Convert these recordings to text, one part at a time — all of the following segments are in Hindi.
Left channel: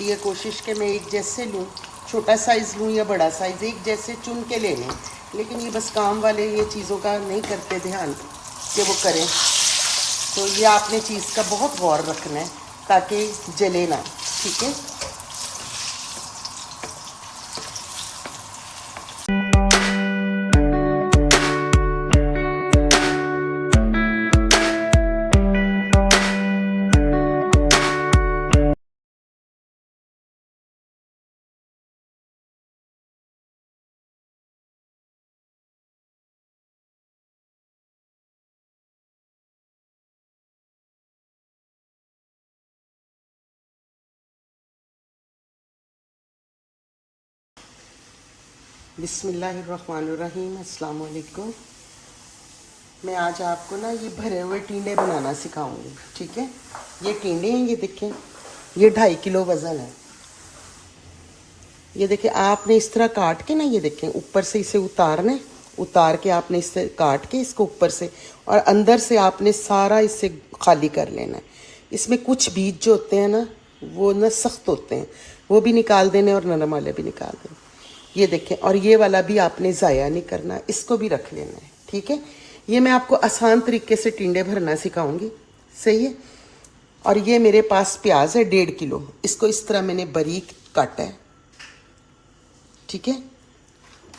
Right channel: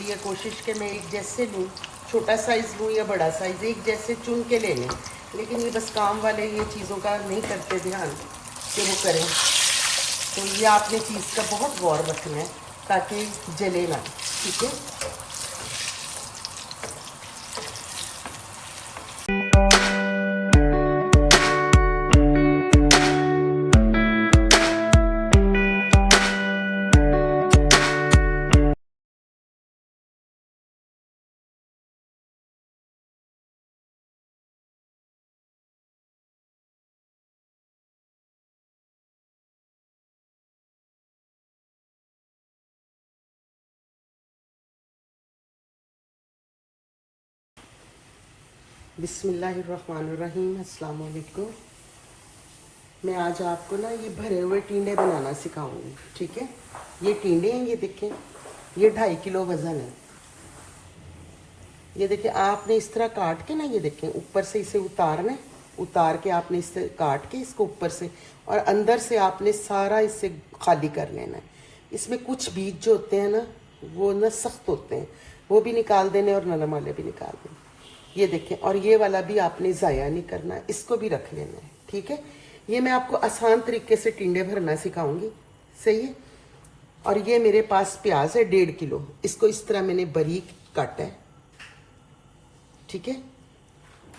होती है कोशिश कि मैं एक जैसे लूँ, छोटा साइज़ लूँ या बड़ा साइज़, एक जैसे चुन के ले लें। लेकिन ये बस काम वाले ये चीज़ों का नहीं करते ध्यान कि वो करें। तो ये आपने चीज़ का बहुत गौर रखना है ताकि जले ना। ठीक है, बिस्मिल्लाहिर्रहमानिर्रहीम, अस्सलाम वालेकुम। मैं आज आपको ना ये भरे हुए टींडे बनाना सिखाऊंगी। ठीक है, ये टींडे हैं, ये देखें, ये 2.5 किलो वज़न है। ये देखें, आपने इस तरह काट के ना, ये देखें ऊपर से इसे उतार के आपने इससे काट के इसको ऊपर से और अंदर से आपने सारा इससे खाली कर लेना है। इसमें कुछ बीज जो होते हैं ना, वो ना सख्त होते हैं, वो भी निकाल देने और नरम वाले भी निकाल देने। ये देखें, और ये वाला भी आपने ज़ाया नहीं करना, इसको भी रख लेना है। ठीक है, ये मैं आपको आसान तरीके से टिंडे भरना सिखाऊंगी। सही है। और ये मेरे पास प्याज है 1.5 किलो, इसको इस तरह मैंने बारीक काटा है। ठीक है,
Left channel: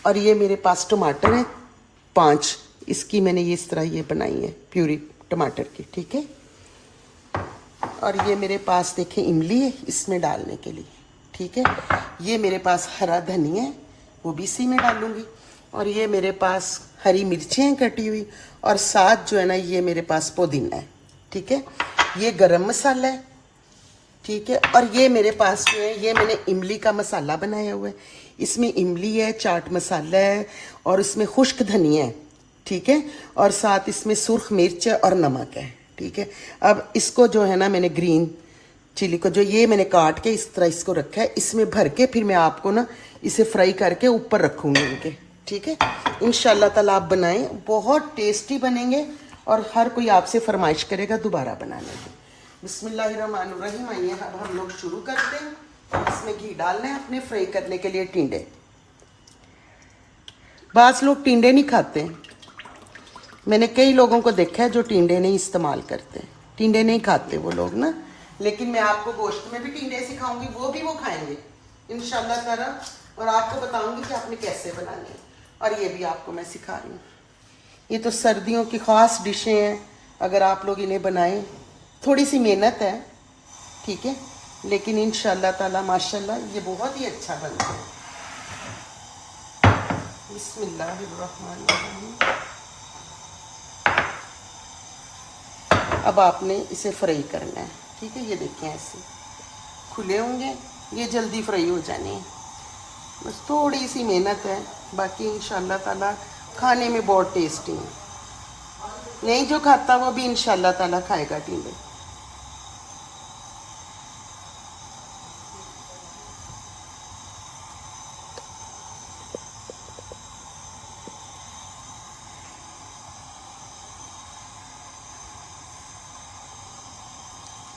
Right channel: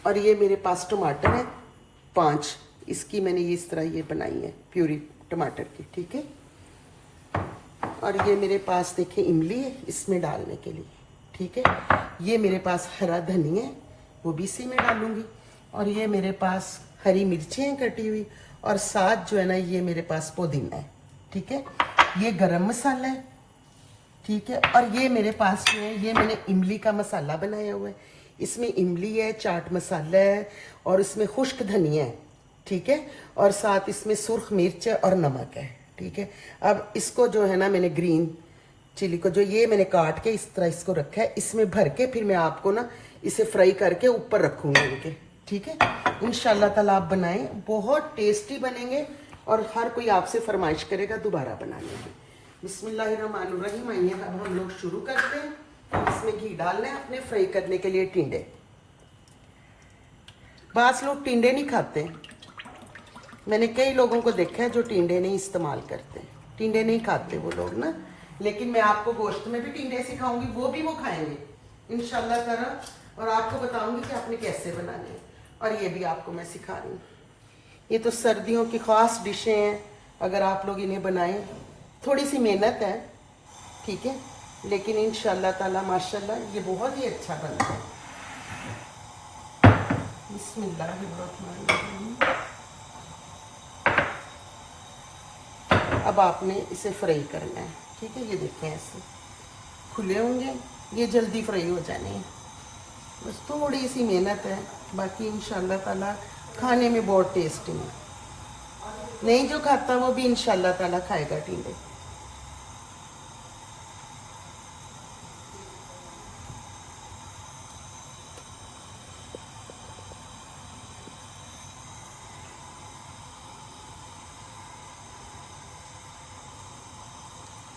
और ये मेरे पास टमाटर है 5, इसकी मैंने ये इस तरह ये बनाई है प्यूरी टमाटर की। ठीक है, और ये मेरे पास देखें इमली है इसमें डालने के लिए। ठीक है, ये मेरे पास हरा धनिया है, वो भी इसी में डालूंगी। और ये मेरे पास हरी मिर्चें हैं कटी हुई, और साथ जो है ना ये मेरे पास पुदीना है। ठीक है, ये गरम मसाला है। ठीक है, और ये मेरे पास जो है ये मैंने इमली का मसाला बनाया हुआ है, इसमें इमली है, चाट मसाला है, और इसमें खुश्क धनिया है। ठीक है, और साथ इसमें सुर्ख मिर्च है और नमक है। ठीक है, अब इसको जो है ना मैंने ग्रीन चिली को जो ये मैंने काट के इस तरह इसको रखा है, इसमें भर के फिर मैं आपको ना इसे फ्राई करके ऊपर रखूँगी इनके। ठीक है, इंशाल्लाह ताला आप बनाएं, बहुत टेस्टी बनेंगे और हर कोई आपसे फरमाइश करेगा दोबारा बनाने की। बिस्मिल्लाहिर्रहमानिर्रहीम, आइए अब हम लोग शुरू करते हैं। इसमें घी डालना है अपने फ्राई करने के लिए टिंडे। बाज़ लोग टिंडे नहीं खाते, मैंने कई लोगों को देखा है जो टिंडे नहीं इस्तेमाल करते, टिंडे नहीं खाते वो लोग ना। लेकिन मैं आपको गोश्त में भी टिंडे सिखाऊंगी, वो भी वो खाएंगे इंशाल्लाह ताला, और आपको बताऊंगी कि आपने कैसे बनानी है, और ये भी आपको मैं सिखा रही हूँ। ये तो सर्दियों की ख़ास डिशें हैं, अगर आप लोग इन्हें बनाएं, थोड़ी सी मेहनत है। ठीक है, लेकिन इंशाल्लाह ताला माशाल्लाह ये बहुत ही अच्छा बनता है। बिस्मिल्लाहिर्रहमानिर्रहीम। अब आपने इसे फ्राई करना है। ठीक है, ये देखें ऐसे खुले होंगे, ये जल्दी फ्राई हो जानी है, बस थोड़ी सी मेहनत है, बाकी इंशाल्लाह ताला खाने में बहुत टेस्टी है। नहीं जो खाता वो भी इंशाल्लाह ताला खाएगा टिंडे।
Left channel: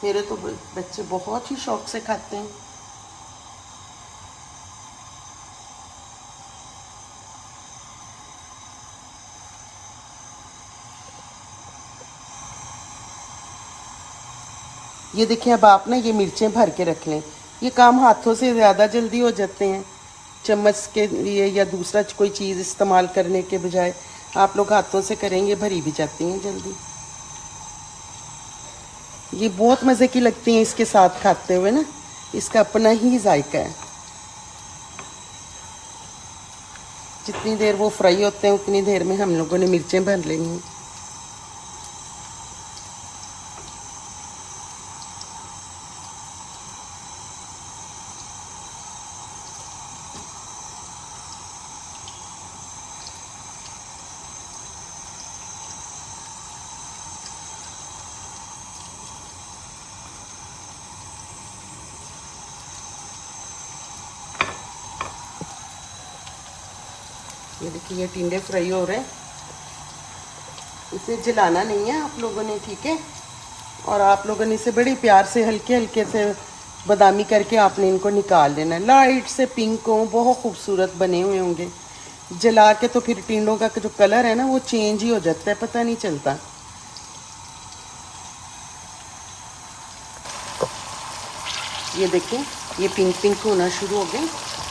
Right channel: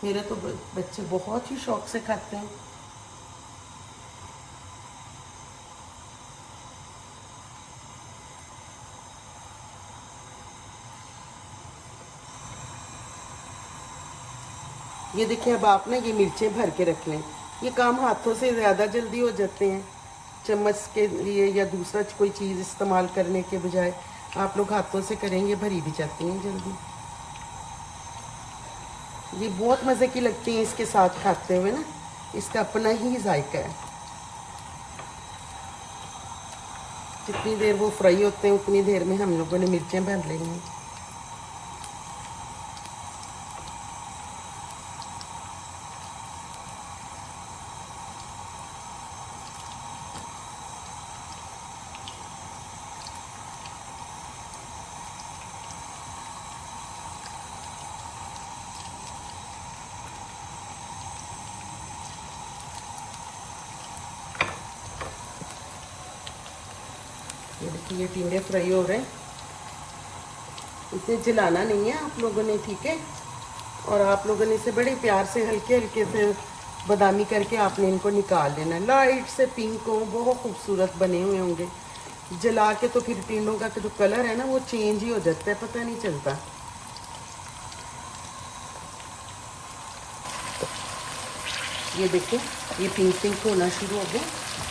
मेरे तो बच्चे बहुत ही शौक से खाते हैं। ये देखिए, अब आप ना ये मिर्चें भर के रख लें, ये काम हाथों से ज़्यादा जल्दी हो जाते हैं, चम्मच के लिए या दूसरा कोई चीज़ इस्तेमाल करने के बजाय आप लोग हाथों से करेंगे, भरी भी जाती हैं जल्दी। ये बहुत मज़े की लगती हैं इसके साथ खाते हुए ना, इसका अपना ही जायका है। जितनी देर वो फ्राई होते हैं उतनी देर में हम लोगों ने मिर्चें भर लेंगी। ये देखिए, ये टिंडे फ्राई हो रहे हैं, इसे जलाना नहीं है आप लोगों ने। ठीक है, और आप लोगों ने इसे बड़ी प्यार से हल्के हल्के से बादामी करके आपने इनको निकाल लेना है। लाइट से पिंक हो, बहुत खूबसूरत बने हुए होंगे। जला के तो फिर टिंडों का जो कलर है ना वो चेंज ही हो जाता है, पता नहीं चलता। ये देखिए ये पिंक पिंक होना शुरू हो गए,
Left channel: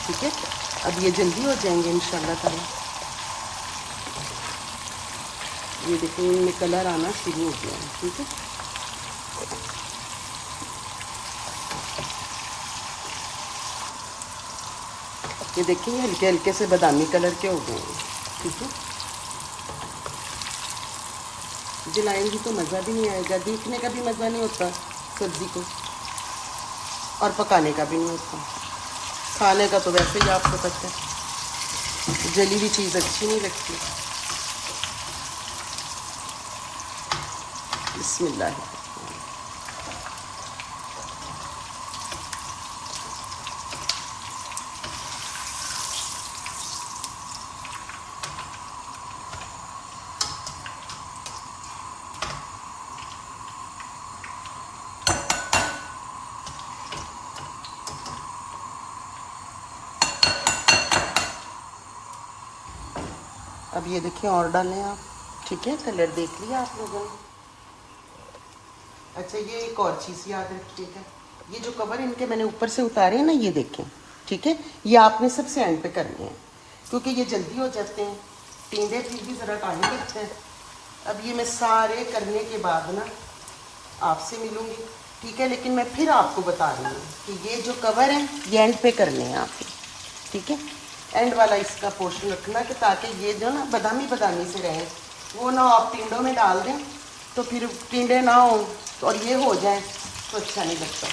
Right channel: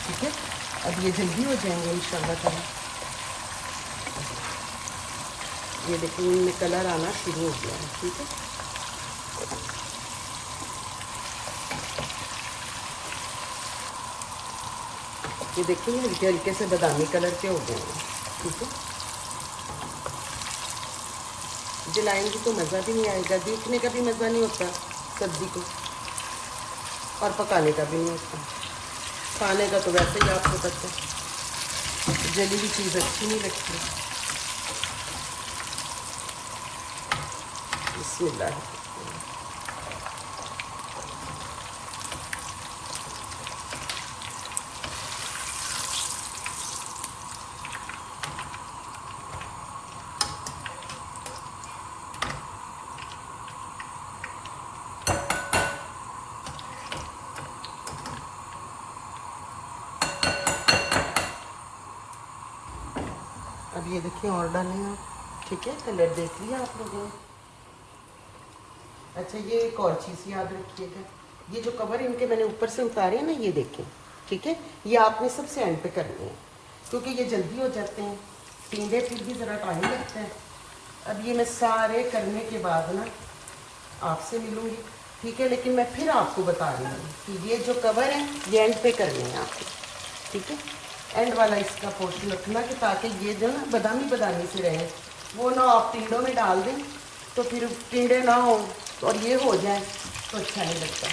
ठीक है। अब ये जल्दी हो जाएंगे इंशाल्लाह ताला। ये देखिए इनमें कलर आना शुरू हो गया है, ठीक है। ये देखिए हल्के हल्के से बादामी कलर के हो गए हैं, ठीक है। जलाएंगी तो मज़ा भी नहीं आएगा, देखने का भी मज़ा नहीं होता सब्ज़ी को, और पकाने का भी नहीं होता। खाने का तो वैसे ही आपको पता है, जली हुई चीज़ अच्छी नहीं लगती। बिस्मिल्लाह। अब ये देखिए और डालें आप, ठीक है। कलर देख लिया आप लोगों ने। अच्छा ये एक और चीज़ याद रखिएगा, ये जो कवर इनके मैंने ऊपर से उतारे हैं ना, ये देखें, ठीक है। ये आपने सबसे एंड पे करने हैं क्योंकि ये जल्दी हो जाते हैं। टींडे फिर भी ज़रा टाइम लगते हैं। अब ये मैं सारे करने के बाद ना आपसे मिलूँगी, ठीक है। लेकिन मैं फिर आपको बता रही हूँ कि ये जो कवर है ये एंड पे करने हैं आपको, ठीक है। एंड वाला इसका पोर्शन रखना कि ताकि ये जो ना बादामी बादामी से रहे, वो ना आप टिंडों में डाल दें तो फिर टिंडे ना हो और ये हो जाए तो अच्छा नहीं लगता।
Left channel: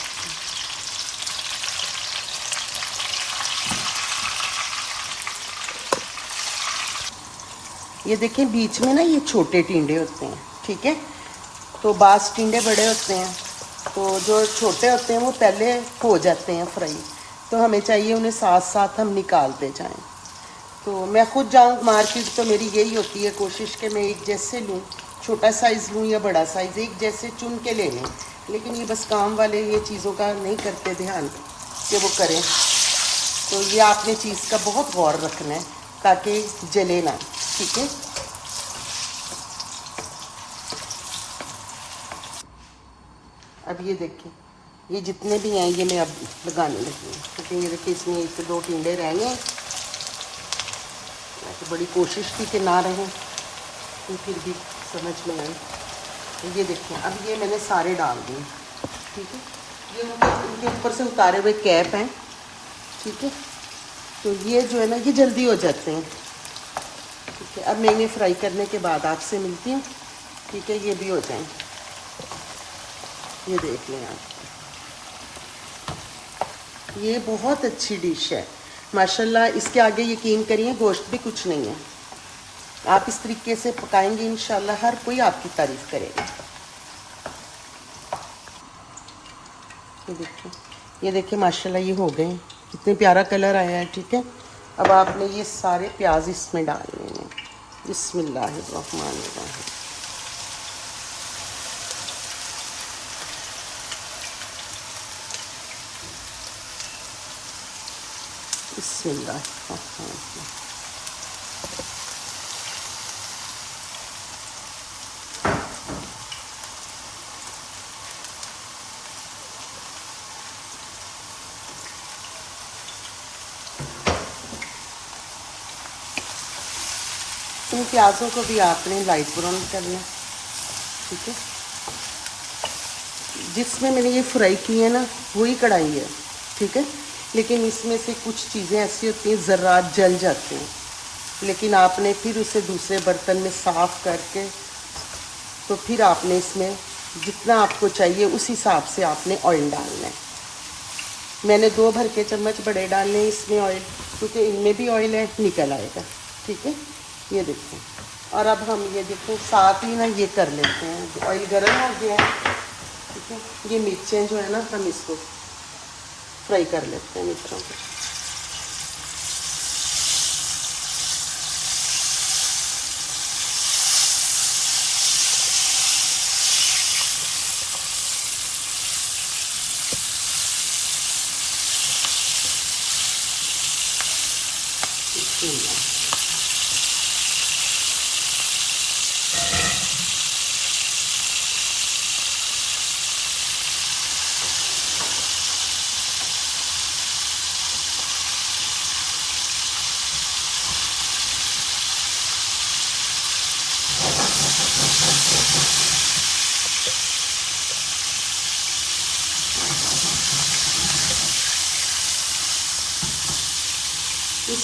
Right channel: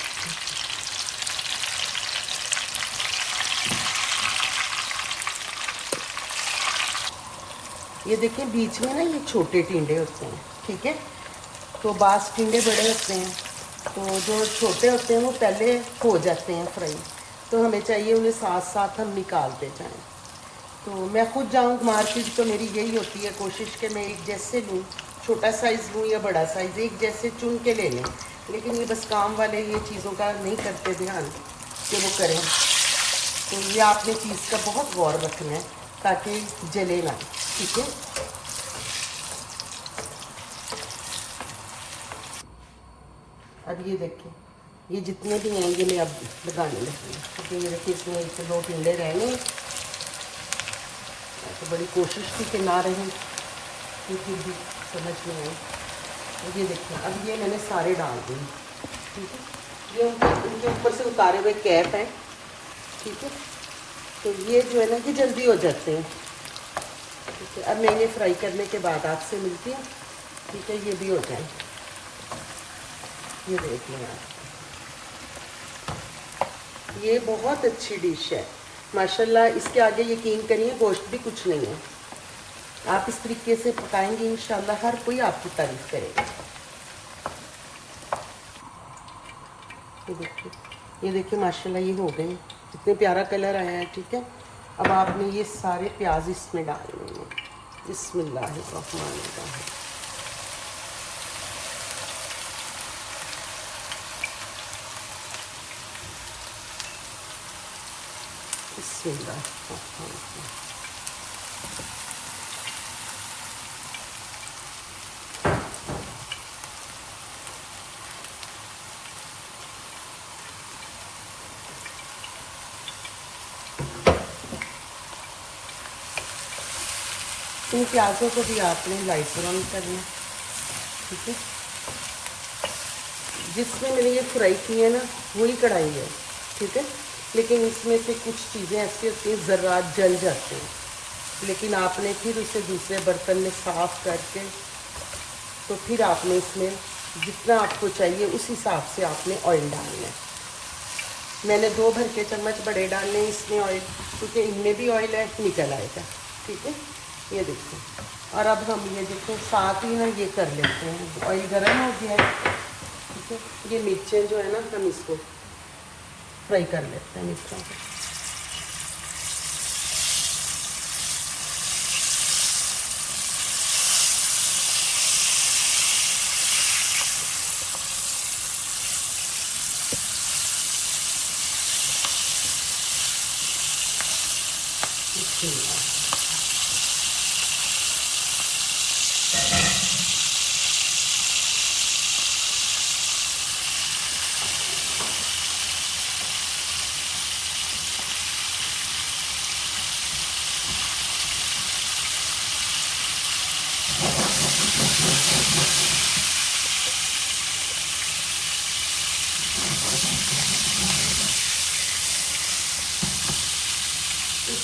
ये देखिए बीच में ना ये छोटे टिंडे होते हैं, ठीक है। तो बास टिंडे बड़े होते हैं, तो जो छोटे होते हैं वो पहले हो जाते हैं फ्राई, तो हमें चाहिए उन्हें साथ साथ हम निकालते जाएं। तो मैं खुद जाऊँ मार्केट तो मेरी यही होती है कोशिश कि मैं एक जैसे लूँ, छोटा साइज़ लूँ या बड़ा साइज़, एक जैसे चुन के ले लें। लेकिन ये बस काम वाले ये चीज़ों का नहीं करते ध्यान कि वो करें। तो ये आपने चीज़ का बहुत गौर रखना है ताकि जले ना, ठीक है। अब ये देखिए ये जितने भी हैं ये मैं अब लगाने लगी हूँ। अब ये देखिए इसमें एक दो टिंडे रहने हैं, तो बड़ी कोशिश थी कि ना रहें, तो फिर भी समझ में आई। तो ये देखिए अब ये मैंने सारे डाल दिए, ठीक है। ये उनके ऊपर से उतारे हुए कैप हैं, ठीक है। तो ये जो है ना ये जल्दी हो जाते हैं, ठीक है। अब मैं इन्हें फ्राई करने के बाद आपसे मिलती हूँ, ठीक है। ये भी हो जाए, ये देख लें आप, ये बहुत अच्छी डिश है माशाल्लाह। इसके आगे यकीन करिए गोश्त भी कुछ नहीं है। आप इस तरीके से पकाएंगे इंशाल्लाह हर कोई आपकी तारीफ करेगा। ये देखिए माशाल्लाह ये हो गए, इतने प्यारा कलर आया है, ठीक है। अब आपने ये सारे प्याज इसमें डालने हैं। बिस्मिल्लाहिर्रहमानिर्रहीम। बिस्मिल्लाहिर्रहमानिर्रहीम। इन प्याज़ों को भी आपने लाइट ब्राउन करना, ठीक है। जिसमें मैंने ये फ्राई की है ना वही कढ़ाई है, ठीक है। लेकिन इसमें से कुछ चीज़ें ऐसी होती हैं ज़रा जल जाते हैं, लेकिन आपने फिर उसे दूसरे बर्तन में साफ़ करके तो फिर आपने इसमें जितना आपको चाहिए उस हिसाब से आपने ऑयल डालना है। मैंने 2 भर के चम्मच बड़े डालने हैं इसमें ऑयल, क्योंकि इनमें भी ऑयल है, निकल आएगा, ठीक है। ये देखो, और अब हम ये देखो साथ ही ना ये कर लेते हैं, ऑयल गर्म हो गया है, ठीक है। ये मिर्चें जो है ना हम इसको फ्राई कर लेते हैं मिर्चों को। इस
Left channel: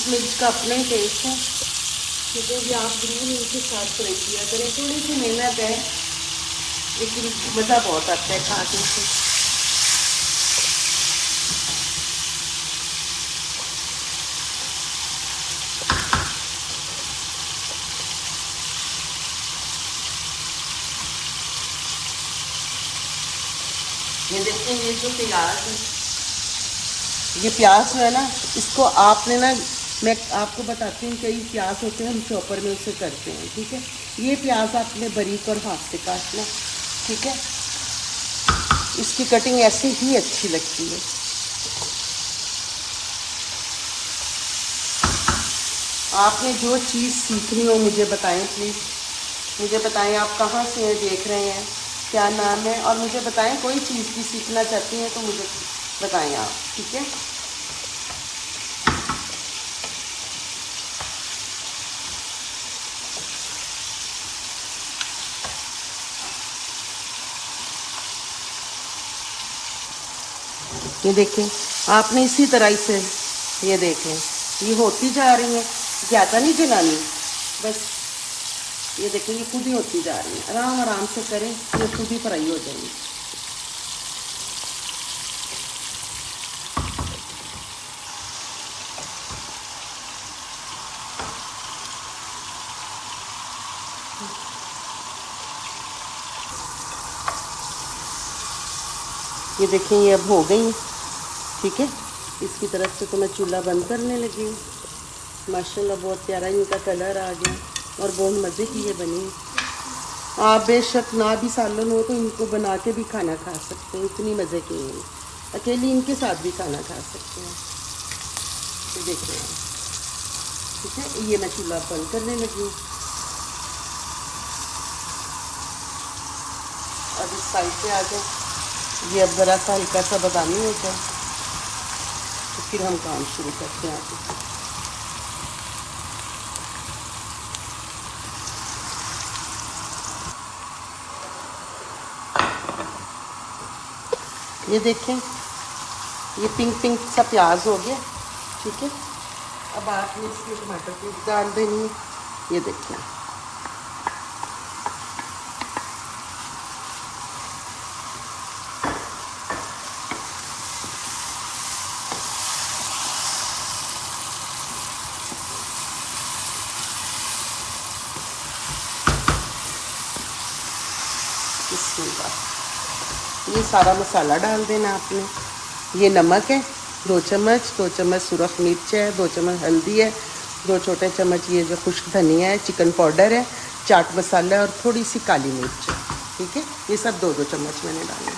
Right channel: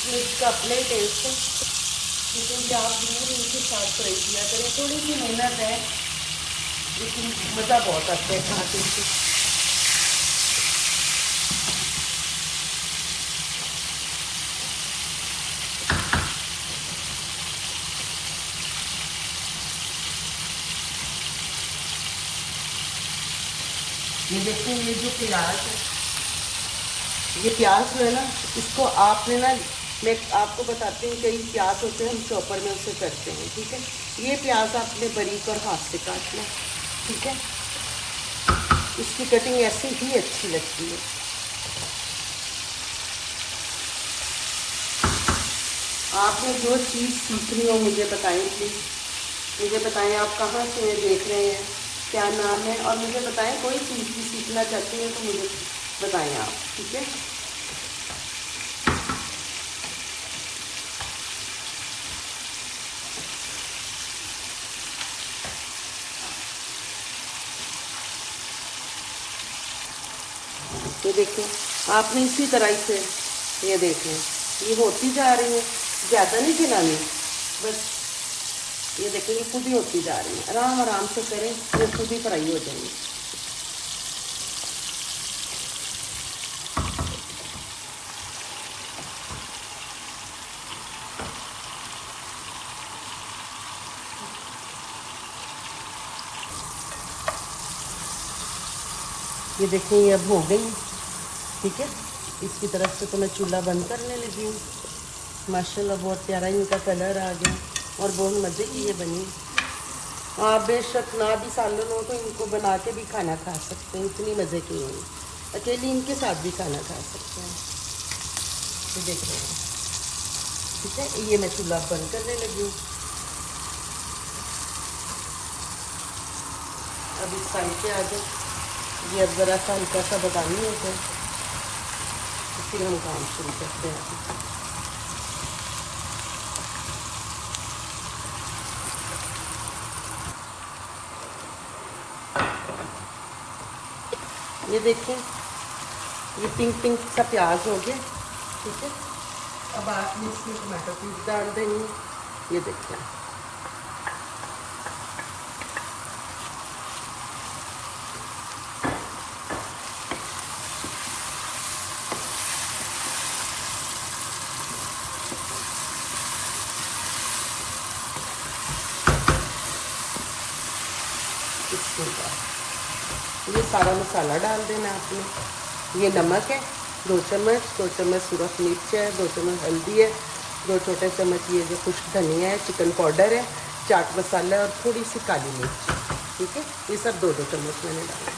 मिर्च का अपने टेस्ट है, ठीक है। ये आप जरूर इनके साथ फ्राई किया करें। थोड़ी सी मेहनत है लेकिन मज़ा बहुत आता है खा के। ये देखिए, ये जो प्याज है, ये प्याज जो है ना, इसको आपने ना, मैं आपको बताती हूँ, कई प्याज होते हैं हम चॉपर में उसे करते हैं, ठीक है। ये प्याज आपने बारीक और हाथ से काटना, ठीक है। इसकी कटिंग ऐसी ही अच्छी लगती है। आपने जो चीज़ सीखनी हो मुझे बताएं प्लीज़, मुझे बताएं आप कहाँ से देख रहे हैं, क्या नाम है, और मुझे बताएं कोई चीज़ भी सीखना चाहती हैं तो मुझे बताएं आप, ठीक है। ये देखें, आपने इसी तरह से, ये देखें, ये होती जा रही है, ज़्यादा नहीं जलानी, बस ये देखें, ये खुद ही होती जा रही है। आराम आराम से करें, ये खुद ही फ्राई हो जाएगी। ये देखें, ये अब हो गई, ठीक है। इसकी तरफ से तो मैं चूल्हा बंद करने लगी हूँ। माशाल्लाह बहुत प्यारा इनका कलर आ गया और बहुत मज़े की ये बनी। आप बेशक ना भी सालन हो तो इनको बना के भी खाना खा सकते हैं, इतनी मज़े की है। अकेली इनके साथ भी खाना खा सकते हैं। ये देख रहे हैं, ठीक है। ये मैं चूल्हा बंद करने लगी हूँ। अब इस साइड पे आ जाओ। ये अब बड़ा सा हल्का सा बगानी होता है, फिर हम काम शुरू करते हैं। ये देखें, ये पिंक पिंक सा प्याज हो गया, ठीक है। अब आपने इसमें टमाटर प्यूरी डाल देंगे। ये देखिए, ये सारा मसाला डाल देना आपने। ये नमक है 2 चम्मच, 2 चम्मच सुरख मिर्च है, 2 चम्मच हल्दी है, 2 छोटे चम्मच ये जो खुश्क धनिया है, चिकन पाउडर है, चाट मसाला और थोड़ी सी काली मिर्च, ठीक है। ये सब 2-2 चम्मच मैंने डाले।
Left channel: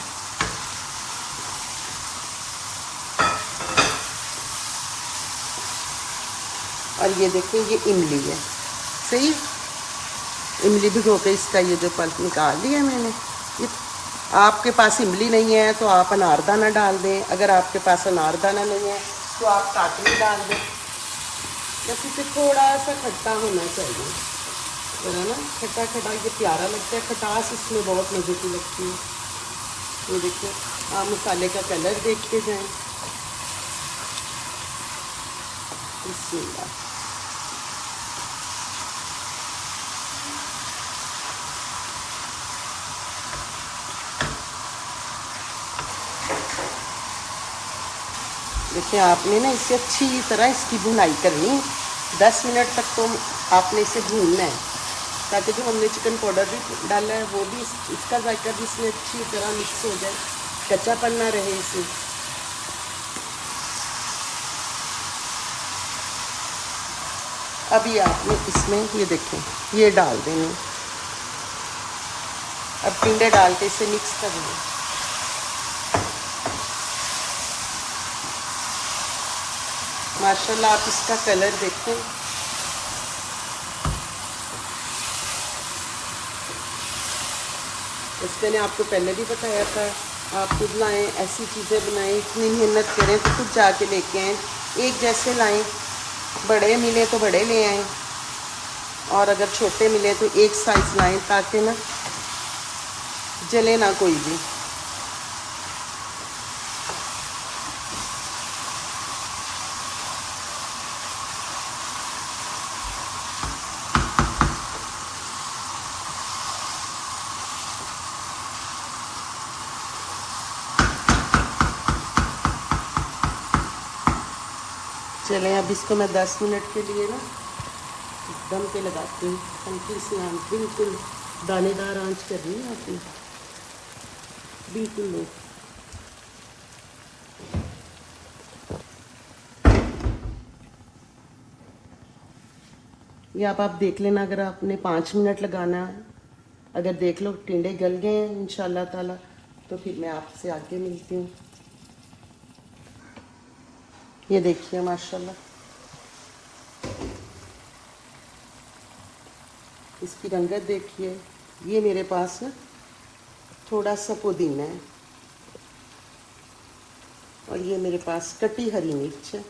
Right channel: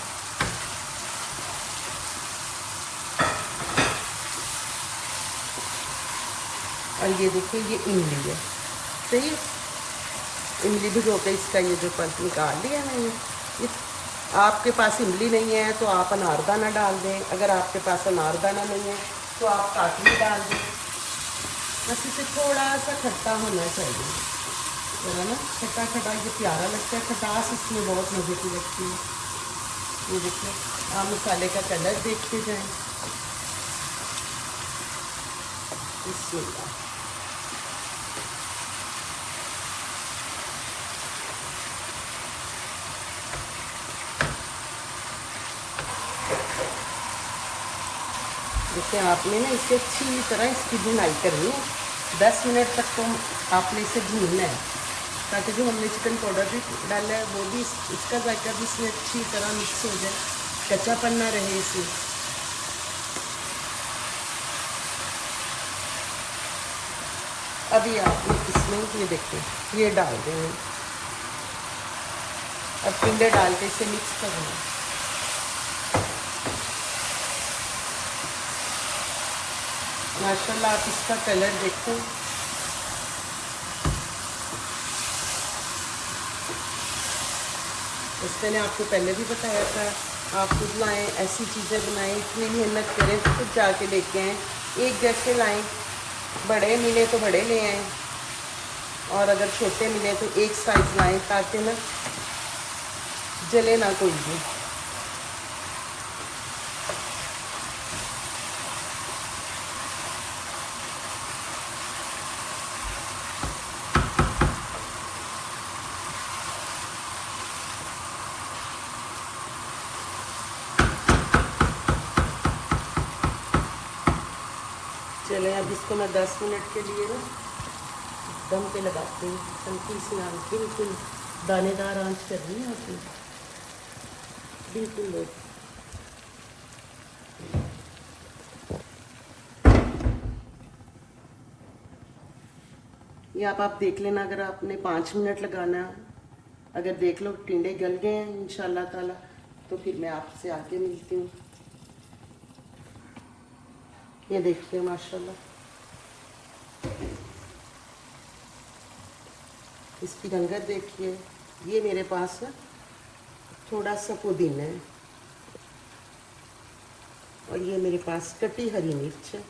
और ये देखिए, ये इमली है, सही। इमली भिगो के इसका ये जो पल्प निकाल लिया मैंने। आपके पास इमली नहीं है तो आप अनारदाना डाल दें, अगर आपके पास अनारदाना नहीं है तो आप काटली डाल दें। बस इसे थोड़ा सा खट्टा होना चाहिए, तो है ना, खट्टा खट्टा ये प्यारा लगता है, खटास इसमें बहुत मज़े की लगती है। ये देखिए, आप मसाले का कलर देखते जाएं। बिस्मिल्लाह। इसे आपने ना इसे अच्छी तरह इसकी भुनाई करनी है। 10 मिनट तक तो आपने इसे भूनना है, ताकि जो हमने चिकन पाउडर भी डाला है वो भी इसका जायका भी इसमें अच्छी तरह मिक्स हो जाए, कच्चापन ना रहे इसमें। अभी आपने इसमें ये देखें, ये डाल देंगे। अब टिंडे डाल के इसे मिक्स करेंगे। माशाल्लाह, आप इसका कलर देखो, बस मैंने आपको पहले भी बताया था, आप खुद लाएँ, ऐसी चीज़ें बनाएं, इतनी मेहनत करें तो खुद जाके लेके आएँ, एक जैसे लाएं, बड़े मिले तो बड़े ले आएँ और अगर छोटे मिले तो एक साइज़ लाएं ताकि ना जले ना कोई भी। चलें अब इसको मैं 10 मिनट के लिए ना दम पे लगाती हूँ। हल्की सी आंच, बिल्कुल दानेदार आंच करनी है आपने, बिल्कुल लो। ये आप देख लेना, अगर आपने 5 मिनट लगाना है, अगर देख लो टिंडे गल गए हैं इंशाल्लाह ताला, तो फिर मैं आपसे आगे मिलती हूँ। ये देखिए माशाल्लाह, इसकी रंगत देखिए। ये मेरे पास ना थोड़ा सा पुदीना है और ये मेरे पास कटी हरी मिर्च है,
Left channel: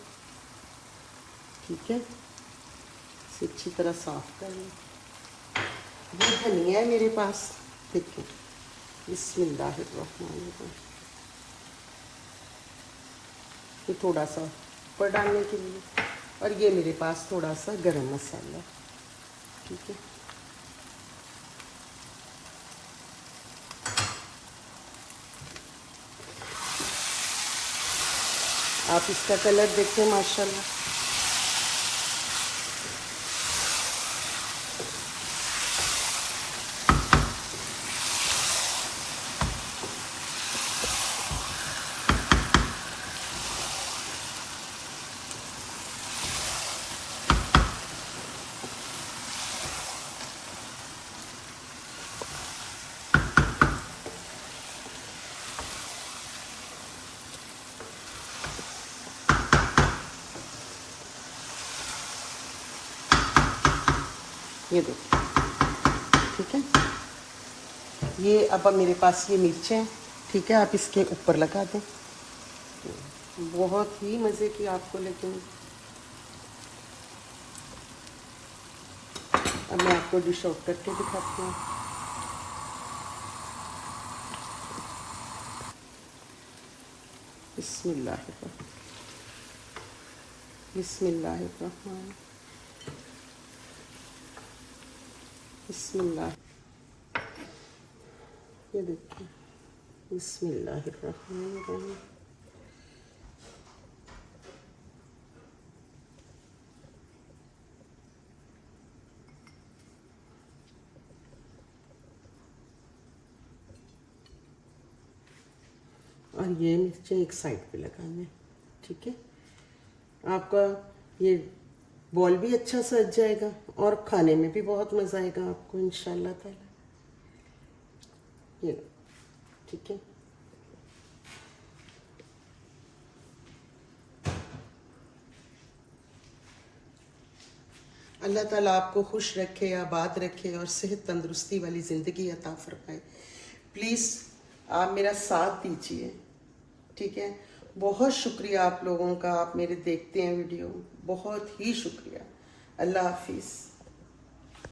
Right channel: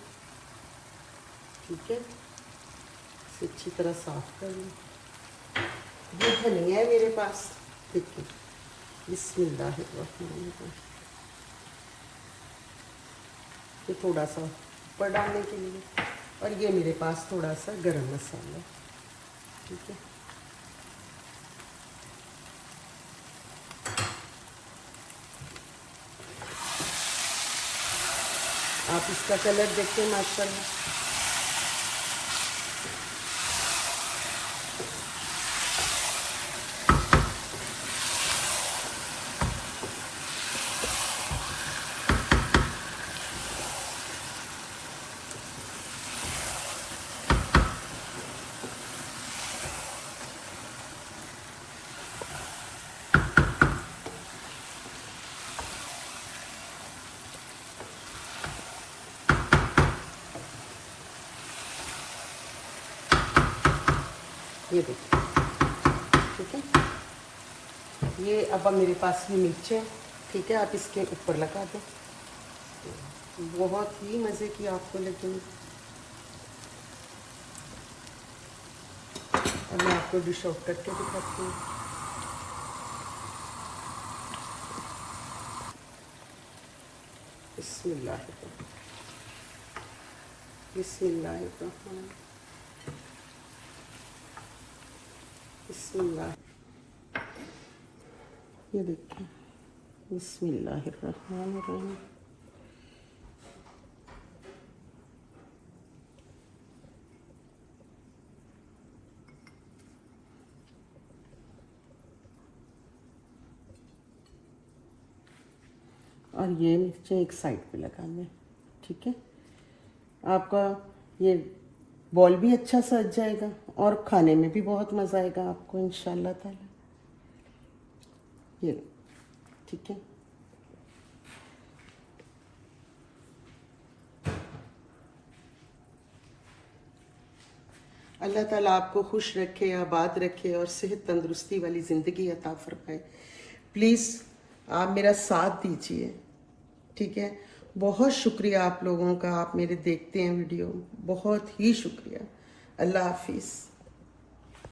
ठीक है। इसे अच्छी तरह साफ कर लें। ये धनिया है मेरे पास, देखिए, बिस्मिल्लाहिर्रहमानिर्रहीम। ये थोड़ा सा ऊपर डालने के लिए, और ये मेरे पास थोड़ा सा गरम मसाला, ठीक है। आप इसका कलर देखें माशाल्लाह, ये देखिए, ठीक है। ये अब मेरे पास ये मिर्चें, ठीक है, आप इसके ऊपर लगा दें, बहुत ही मज़े की आपको लगेंगी। अब मैं आपको डिश आउट करके दिखाती हूँ। बिस्मिल्लाहिर्रहमान, बिस्मिल्लाहिर्रहमान, बिस्मिल्लाह। ये देखिए, बिस्मिल्लाहिर्रहमानिर्रहीम। और ये मिर्चें एक साइड पे लगाना है, ठीक है। आपका ये बॉल भी अच्छा सज जाएगा और खाने में भी बहुत मज़ा आएगा आपको इंशाल्लाह ताला। ये ठीक है। अल्लाह ताला आपको खुश रखे, आबाद रखे और सेहत तंदुरुस्ती वाली ज़िंदगी अता फरमाए। प्लीज़ आप मेरा साथ दीजिए, ठीक है। बहुत शुक्रिया आप लोगों का, आप मेरे देखते हैं वीडियो, बहुत ही शुक्रिया। अल्लाह हाफिज़।